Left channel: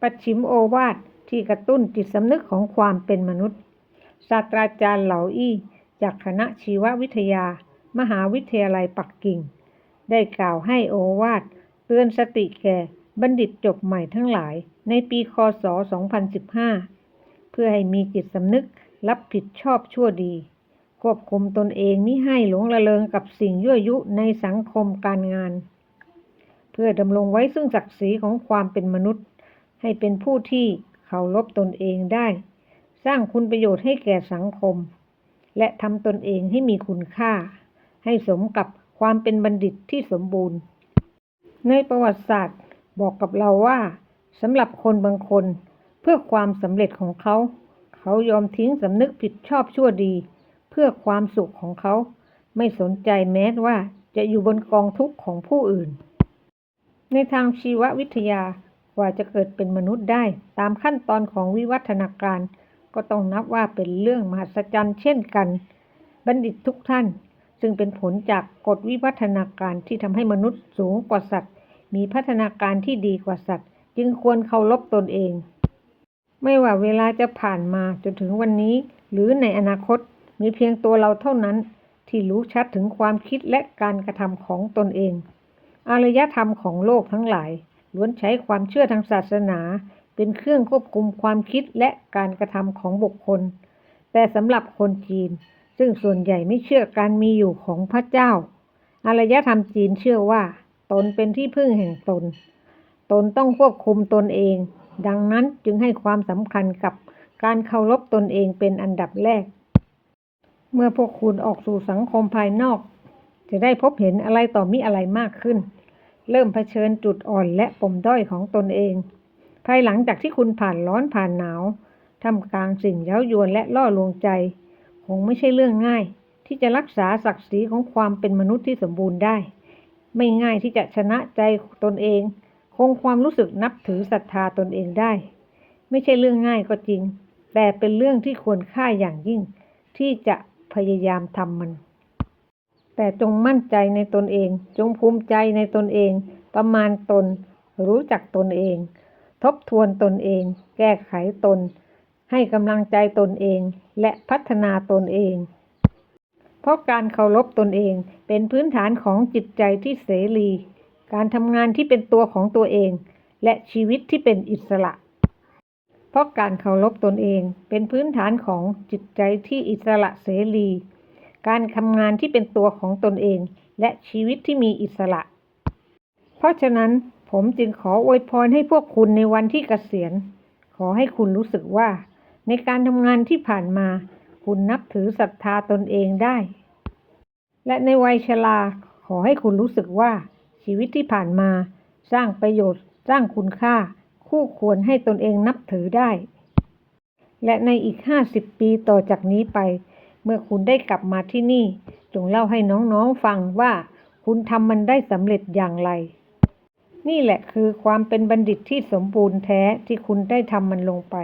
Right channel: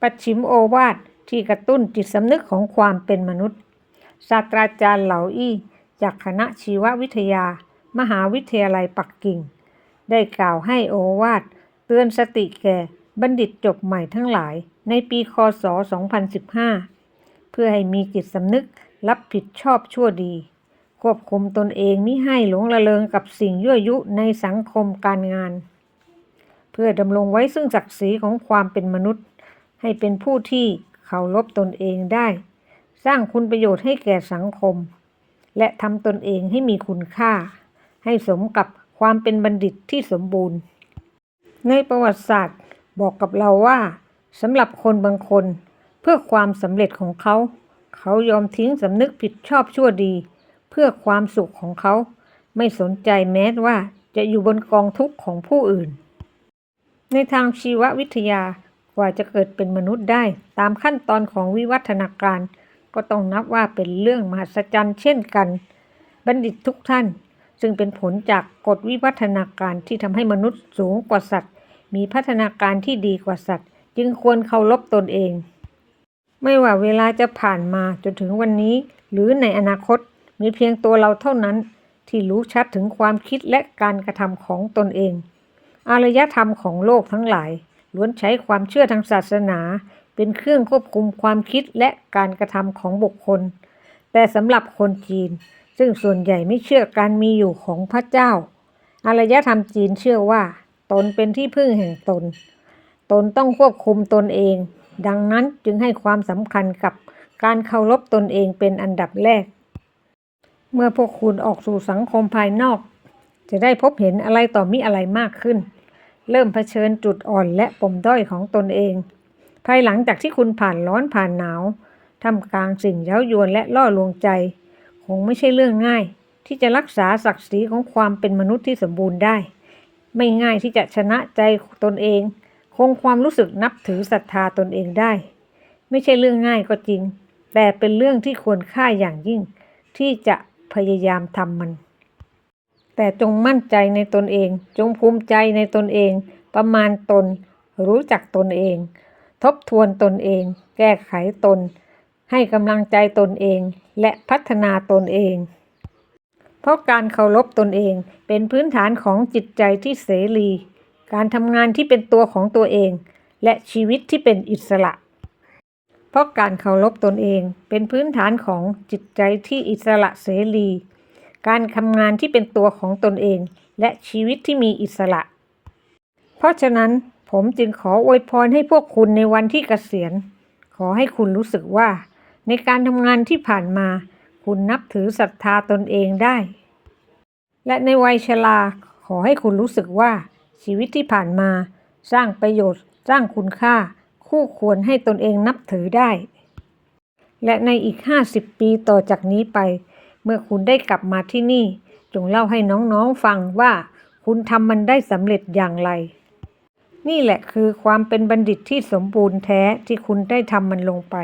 ปัดชิมโอวาทที่กระตุ้นจิตสำนึกของความเป็นมนุษย์ ศาสตราจารย์เหลาอี้ จากคณะชีววิทยา มหาวิทยาลัยปักกิ่ง ได้กล่าวให้โอวาทเตือนสติแก่บัณฑิตจบใหม่ทั้งหลายในปีคศ 2015 เพื่อให้มีจิตสำนึกรับผิดชอบชั่วดี ควบคุมตนเองมิให้หลงละเลงกับสิ่งยั่วยุในสังคมการงาน เพื่อดำรงไว้ซึ่งศักดิ์ศรีของความเป็นมนุษย์ ให้เป็นผู้ที่เคารพตนเองได้ สร้างคุณประโยชน์ให้แก่สังคม และทำตนเองให้มีคุณค่า ให้สมกับความเป็นบัณฑิตที่สมบูรณ์ ในประวัติศาสตร์บอกกับเราว่าสำหรับคนบางคน เพื่อความสำเร็จของเขา เขายอมทิ้งสำนึกผิดชอบชั่วดี เพื่อความสุขของเขา ไม่สนใจแม้ว่าจะอยู่บนกองทุกข์ของผู้อื่น ในทางชีววิทยา ว่าจะเกิดเป็นมนุษย์ได้ ตามขั้นตอนของวิวัฒนาการ ก็ต้องนับว่าเป็นเรื่องมหัศจรรย์เช่นกัน บัณฑิตทุกท่าน ซึ่งเป็นผลจากกฎวิวัฒนาการที่ทำให้มนุษย์สูงกว่าสัตว์ มีพัฒนาการที่ดีกว่าสัตว์ จึงควรเคารพตนเอง ไม่ว่าเวลาจะผ่านมาจนถึงวันนี้ หรือในอนาคตมีเพียงตัวเราเท่านั้นที่รู้ชัดถึงความคิดและการกระทำของตนเอง อารยธรรมของโลกทั้งหลาย ล้วนใช้ความเชื่อทางศาสนา เป็นเครื่องควบคุมความคิดและการกระทำของบุคคล แต่สำหรับคนจีน ซึ่งส่วนใหญ่ไม่เชื่อการมีอยู่ของพระเจ้า อารยธรรมจีนเชื่อว่า ตนเป็นที่พึ่งแห่งตน ตนต้องควบคุมตนเอง ดังนั้นจึงให้ความสำคัญกับการเคารพตนเองเป็นอันดับแรก เมื่อพวกคุณออกสู่สังคมภายนอก จะได้พบเห็นอะไรต่อมิอะไรมากขึ้น เริ่มเผชิญจุดอ่อนและปมด้อยของตนเอง ภายหลังจากที่คุณผ่านร้อนผ่านหนาวทำกลางสิ่งเย้ายวนและล่อลวงใจ คงไม่ใช่เรื่องง่าย ที่จะรักษาศักดิ์ศรีของความเป็นมนุษย์ที่สมบูรณ์ได้ ไม่ง่ายที่จะชนะใจตนเอง คงความรู้สึกนับถือศรัทธาตนเองได้ ไม่ใช่เรื่องง่ายก็จริง แต่เป็นเรื่องที่ควรค่าอย่างยิ่ง ที่จะพยายามทำมัน แต่จงมั่นใจในตนเอง จงภูมิใจในตนเอง ประมาณตน รู้จักตนเอง ทบทวนตนเอง แก้ไขตน ให้กำลังใจตนเอง และพัฒนาตนเอง เพราะการเคารพตนเองเป็นพื้นฐานของจิตใจที่เสรี การทำงานที่เป็นตัวของตัวเอง และชีวิตที่เป็นอิสระ เพราะการเคารพตนเองเป็นพื้นฐานของจิตใจที่อิสระเสรี การทำงานที่เป็นตัวของตนเอง และชีวิตที่มีอิสระ เพราะฉะนั้นผมจึงขออวยพรให้พวกคุณในวันที่เกษียณ ขอให้คุณรู้สึกว่า ในการทำงานที่ผ่านมา คุณนับถือศรัทธาตนเองได้ และในวัยชราขอให้คุณรู้สึกว่า ชีวิตที่ผ่านมา สร้างประโยชน์ สร้างคุณค่า คู่ควรให้ตนเองนับถือได้ และในอีก 50 ปีต่อจากนี้ไป เมื่อคุณได้กลับมาที่นี่ จงเล่าให้น้องๆฟังว่าคุณทำมันได้สำเร็จอย่างไร นี่แหละคือความเป็นบัณฑิตที่สมบูรณ์แท้ที่คุณได้ทำมันลงไป